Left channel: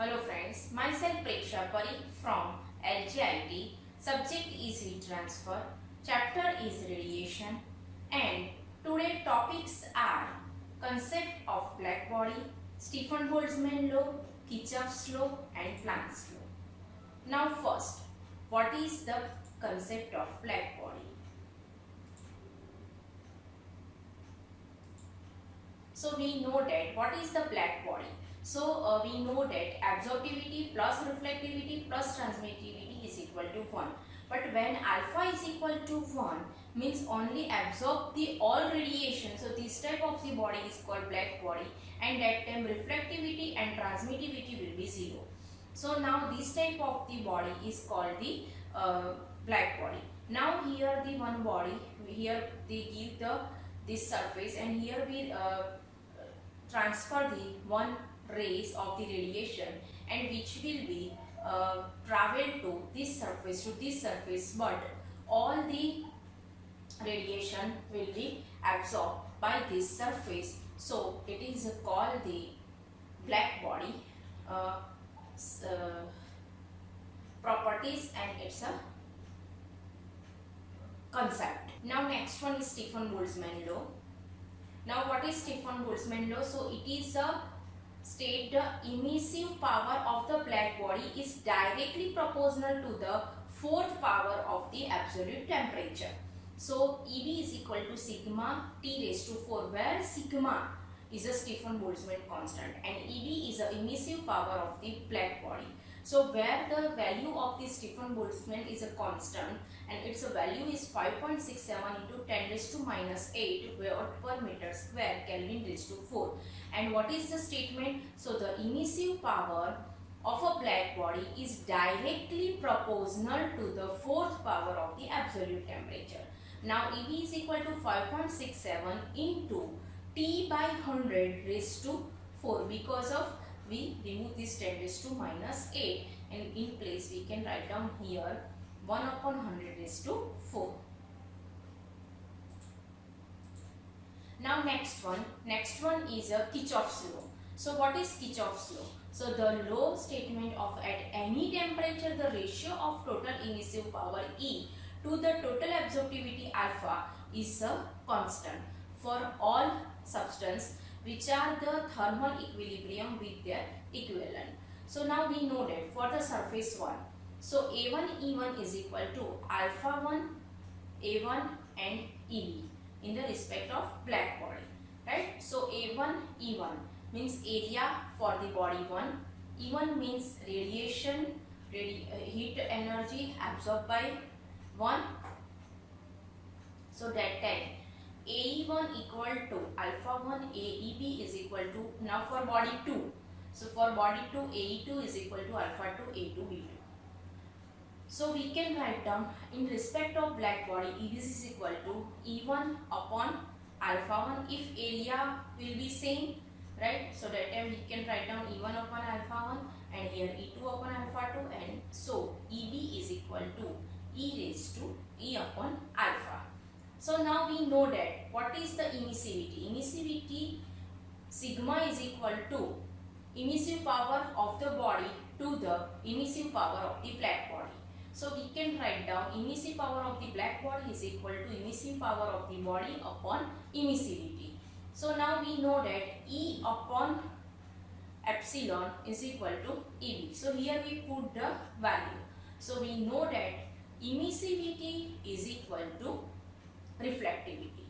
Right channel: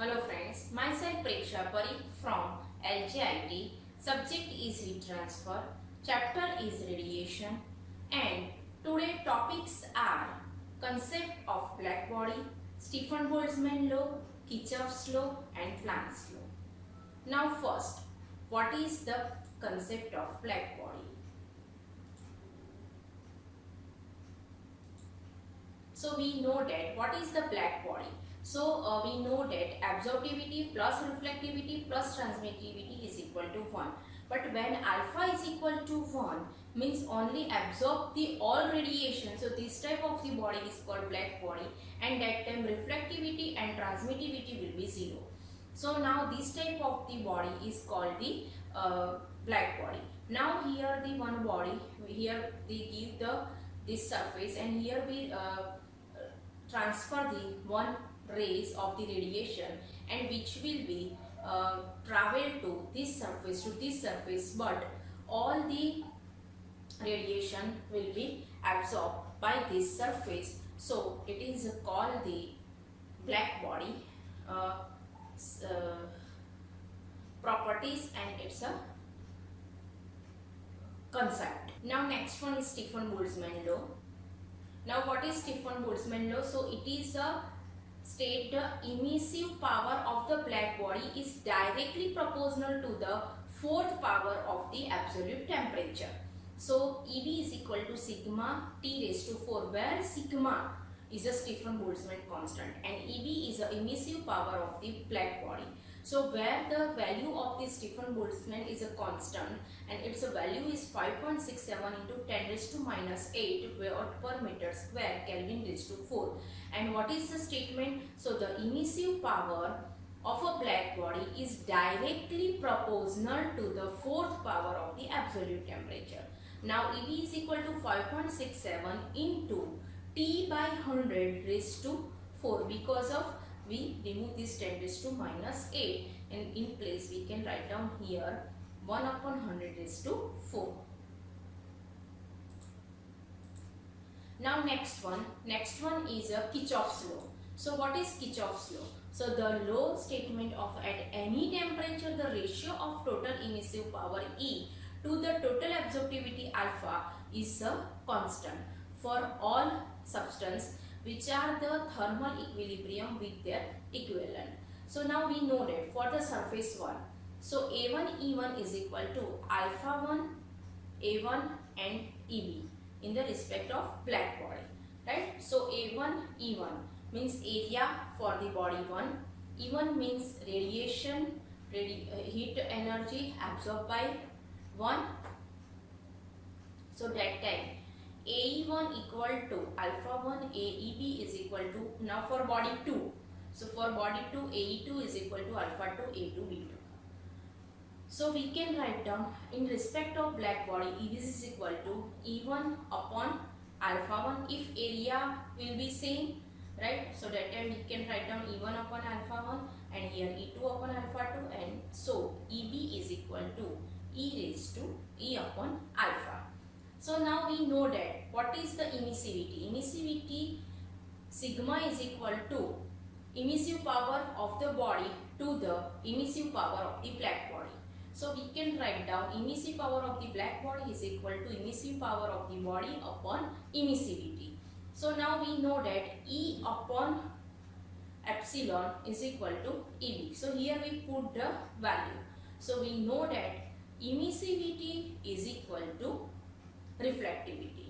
Hello friends, myself Preksha Parikh from LGIT. Subject is heat transfer, chapter is radiation, and today topics are concept of black body, Stefan Boltzmann law, Kirchhoff's law and Planck's law. Now first, what is the concept of black body? So we know that what is the black body? So we know that absorptivity plus reflectivity plus transmittivity is equal to 1. But when alpha is equal to 1 means only absorb the all radiation. So this type of the body is called black body, and that time reflectivity and transmittivity will be 0. So now this type of the body is called the black body. Now here the one body, here they give this surface, and here we transfer the one rays of the radiation, and which will be travel to this surface, but all the radiation will be absorbed by this surface. So it is called the black body properties, and it's a concept. Now next one is Stefan Boltzmann law. Now what is Stefan Boltzmann law? So it is a state the emissive power of the black body is directly proportional to the fourth power of the absolute temperature. So EB is equal to sigma T raised to 4, where sigma is a Stefan Boltzmann constant and EB is the emissive power of the black body. So where the value of the Stefan Boltzmann is a constant and its value is 5.67 into 10 raised to minus 8 watt per meter square Kelvin raised to 4. And what is the statement? So the emissive power of a black body is directly proportional to the fourth power of the absolute temperature. Now EB is equal to 5.67 into T by 100 raised to 4, because of we remove this 10 raised to minus 8, and in place we can write down here 1 upon 100 raised to 4. Now next one is a Kirchhoff's law. So what is Kirchhoff's law? So the law statement of at any temperature the ratio of total emissive power E to the total absorptivity alpha is a constant for all substance which are the thermal equilibrium with their equivalent. So now we know that for the surface 1, so A1 E1 is equal to alpha 1 A1 and EB in the respect of black body, right? So A1 E1 means area for the body 1, E1 means radiation, heat energy absorbed by 1. So that time AE1 equal to alpha 1, AEB is equal to, now for body 2, so for body 2 AE2 is equal to alpha 2 A2B2. So we can write down in respect of black body EB is equal to E1 upon alpha 1 if area will be same, right? So that time we can write down E1 upon alpha 1 and here E2 upon alpha 2, and so EB is equal to E raised to E upon alpha. So now we know that what is the emissivity? Emissivity sigma is equal to emissive power of the body to the emissive power of the black body. So we can write down emissive power of the black body is equal to emissive power of the body upon emissivity. So now we know that E upon epsilon is equal to EB. So here we put the value. So we know that emissivity is equal to reflectivity,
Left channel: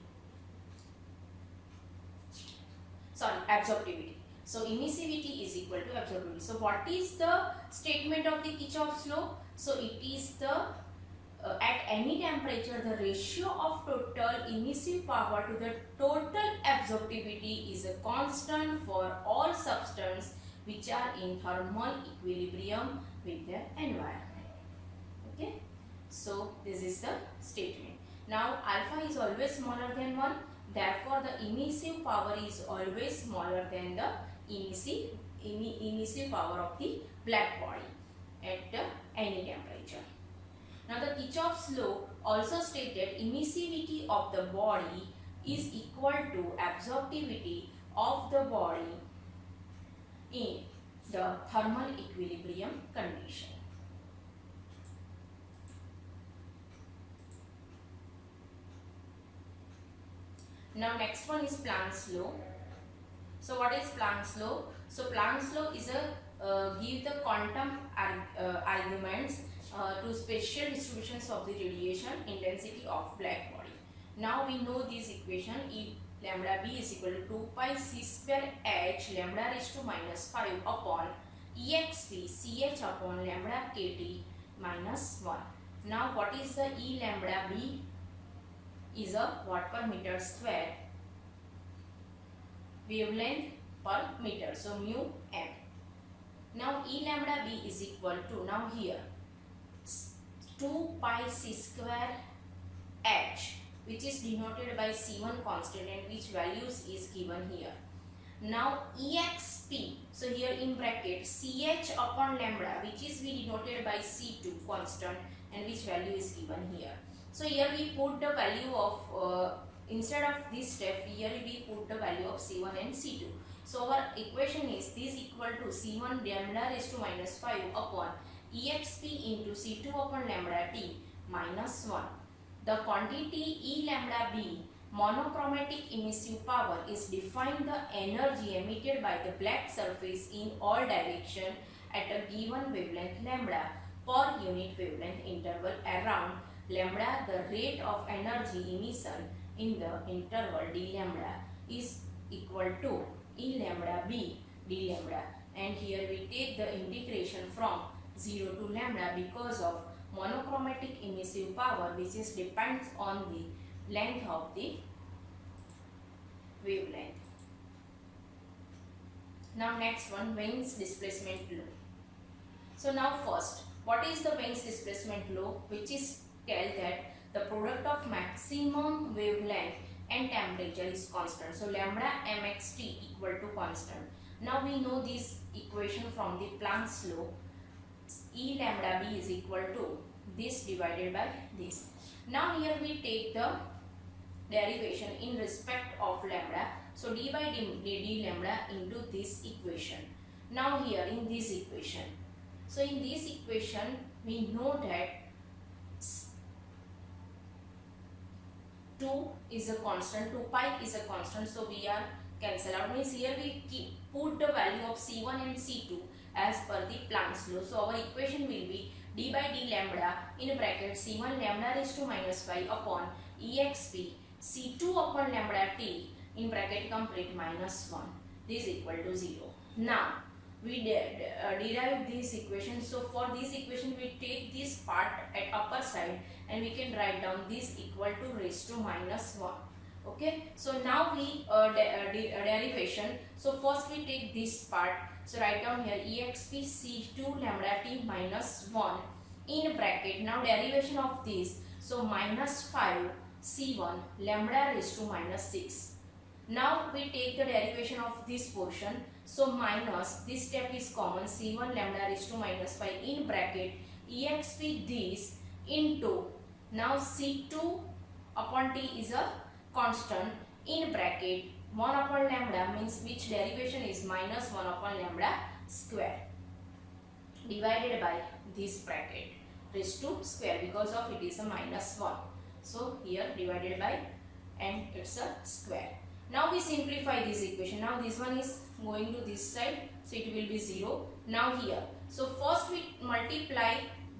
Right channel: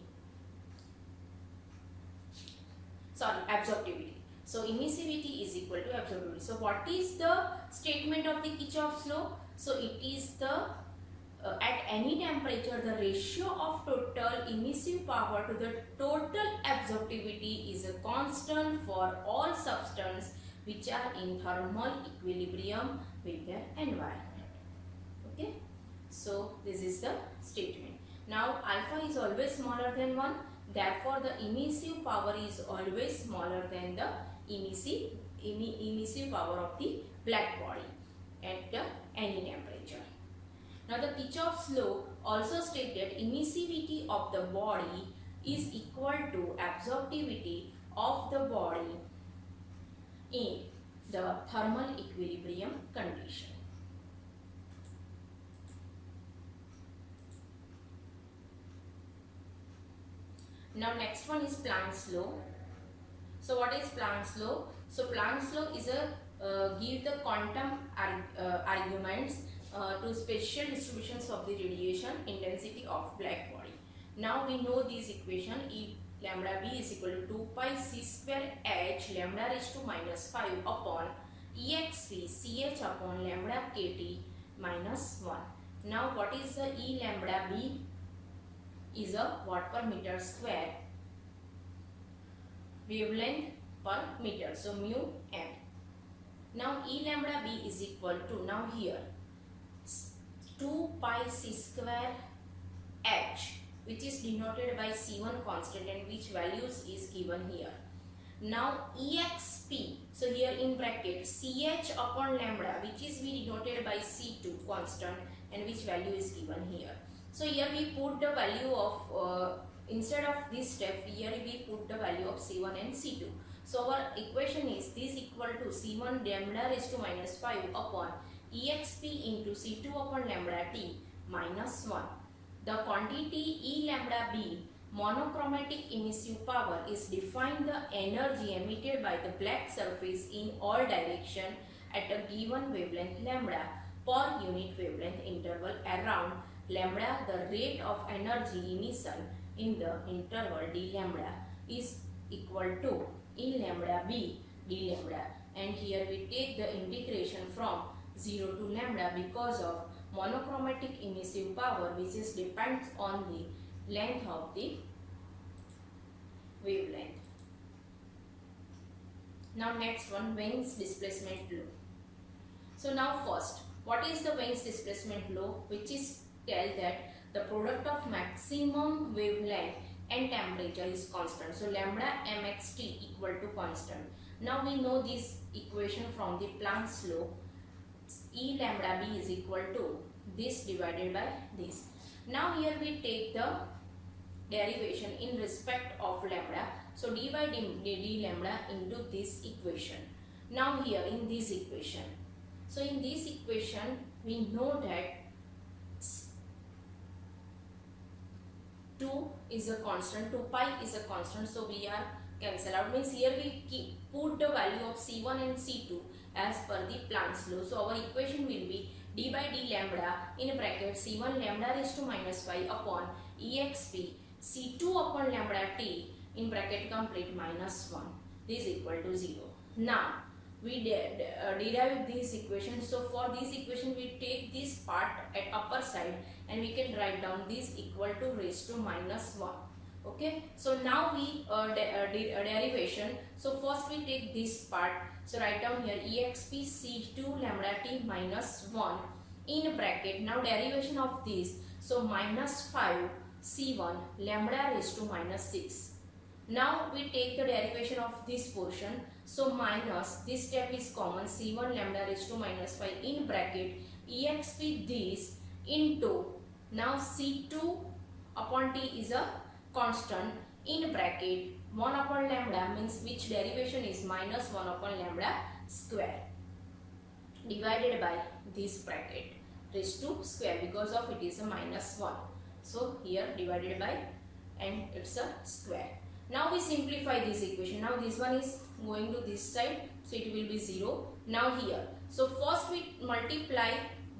absorptivity. So emissivity is equal to absorptivity. So what is the statement of the Kirchhoff's law? So it is the at any temperature the ratio of total emissive power to the total absorptivity is a constant for all substances which are in thermal equilibrium with their environment. Okay, so this is the statement. Now alpha is always smaller than 1, therefore the emissive power is always smaller than the emissive power of the black body at any temperature. Now the Kirchhoff's law also states that emissivity of the body is equal to absorptivity of the body the thermal equilibrium condition. Now next one is Planck's law. So what is Planck's law? So Planck's law is a give the quantum arguments to spatial distributions of the radiation intensity of black body. Now we know this equation: E lambda b is equal to 2 pi c square h lambda raised to minus 5 upon exp ch upon lambda kt minus 1. Now what is the E lambda b? Is a watt per meter square, wavelength per meter, so mu m. Now E lambda b is equal to, now here 2 pi c square h, which is denoted by C1 constant and which values is given here. Now exp, so here in bracket ch upon lambda, which is we denoted by C2 constant and which value is given here. So here we put the value of instead of this step, here we put the value of C1 and C2. So our equation is this equal to C1 lambda raised to minus 5 upon exp into C2 upon lambda t minus 1. The quantity E lambda b, monochromatic emissive power, is defined the energy emitted by the black surface in all direction at a given wavelength lambda per unit wavelength interval around lambda. The rate of energy emission in the interval d lambda is equal to E lambda b d lambda, and here we take the integration from 0 to lambda because of monochromatic emissive power, which is depends on the length of the wavelength. Now next one, Wien's displacement law. So now first, what is the Wien's displacement law? Which is tell that the product of maximum wavelength and temperature is constant. So lambda mxt equal to constant. Now we know this equation from the Planck's law. E lambda b is equal to this divided by this. Now here we take the derivation in respect of lambda. So d by d lambda into this equation. Now here in this equation. So in this equation we know that 2 is a constant, 2 pi is a constant, so we are cancel out, means here we put the value of C1 and C2 as per the Planck's law. So our equation will be d by d lambda in bracket C1 lambda raised to minus 5 upon exp C2 upon lambda t in bracket complete minus 1. This is equal to 0. Now we derive this equation. So for this equation we take this part at upper side and we can write down this equal to raised to minus 1. Okay, so now we derivation. So first we take this part. So write down here exp c2 lambda t minus 1 in bracket. Now derivation of this. So minus 5 c1 lambda raised to minus 6. Now we take the derivation of this portion. So minus, this step is common, c1 lambda raised to minus 5 in bracket exp this into, now c2 upon t is a constant in bracket 1 upon lambda, means which derivation is minus 1 upon lambda square divided by this bracket raised to square because of it is a minus 1. So here divided by and it's a square. Now we simplify this equation. Now this one is going to this side, so it will be 0. Now here, so first we multiply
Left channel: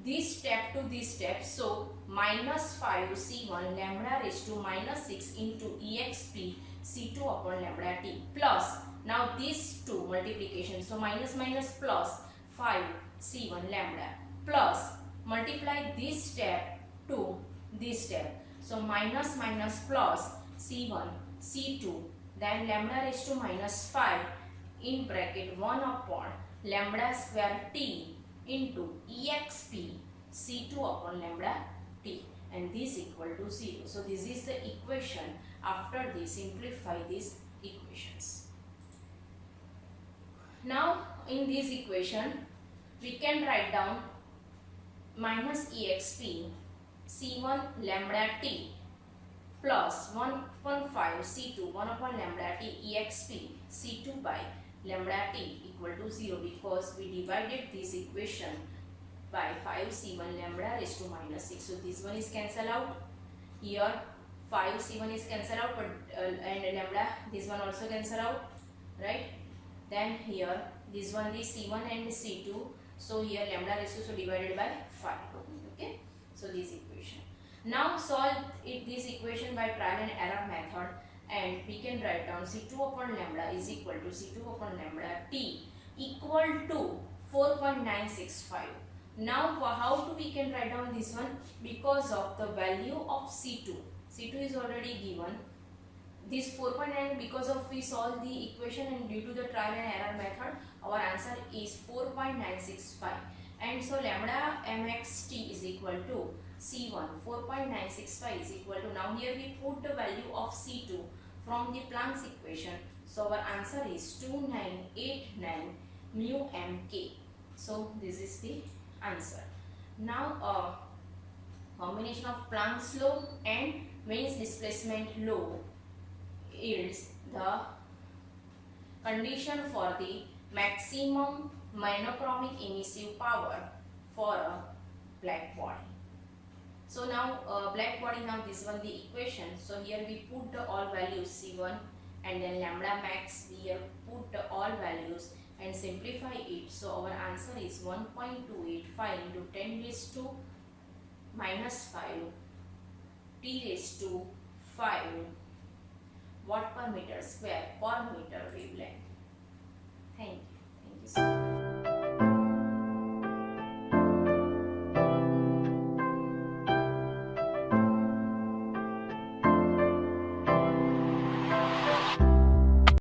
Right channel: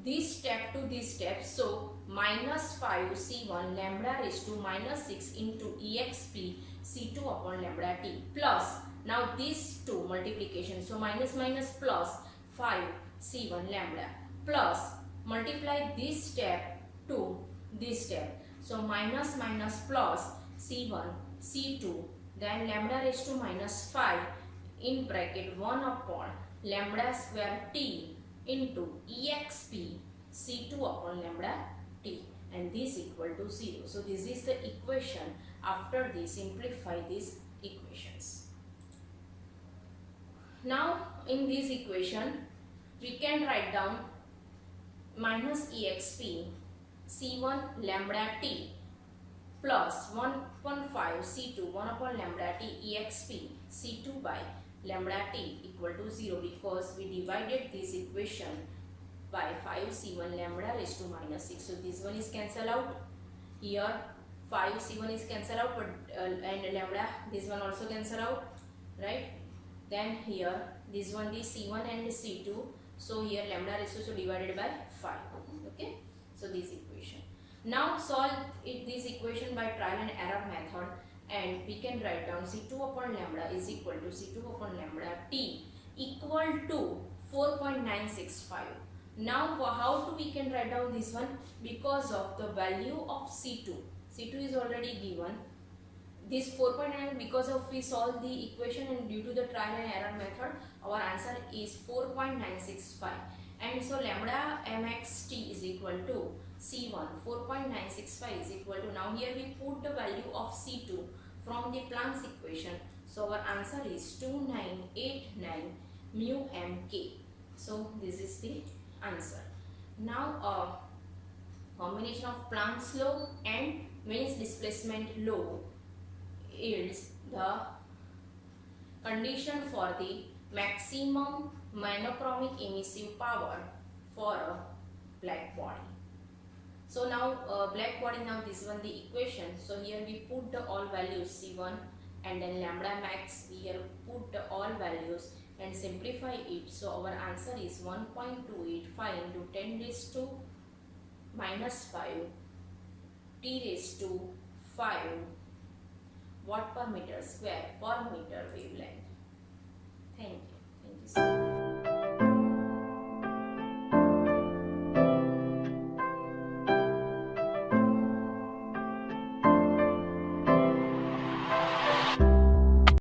this step to this step. So minus 5 c1 lambda raised to minus 6 into exp c2 upon lambda t plus, now these two multiplication. So minus minus plus 5 c1 lambda plus multiply this step to this step. So minus minus plus c1 c2 then lambda raised to minus 5 in bracket 1 upon lambda square t into exp c2 upon lambda t, and this equal to 0. So this is the equation. After this simplify these equations. Now in this equation we can write down minus exp c1 lambda t plus 1 upon 5 c2 1 upon lambda t exp c2 by lambda t equal to 0 because we divided this equation by 5c1 lambda raised to minus 6. So this one is cancelled out. Here 5c1 is cancelled out, but and lambda, this one also cancel out, right? Then here this one is c1 and c2. So here lambda raised to, so divided by 5. Okay, so this equation. Now solve this equation by trial and error method, and we can write down c2 upon lambda is equal to c2 upon lambda t equal to 4.965. Now how do we can write down this one? Because of the value of c2. c2 is already given. This 4.9, because of we solve the equation and due to the trial and error method, our answer is 4.965. And so lambda mxt is equal to c1 4.965 is equal to, now here we put the value of c2 from the Planck's equation. So our answer is 2989 mu mk. So this is the answer. Now combination of Planck's law and Wien's displacement law yields the condition for the maximum monochromic emissive power for a black body. So now black body, now this one the equation. So here we put the all values c1 and then lambda max, we here put the all values and simplify it. So our answer is 1.285 into 10 raised to minus 5 t raised to 5 watt per meter square per meter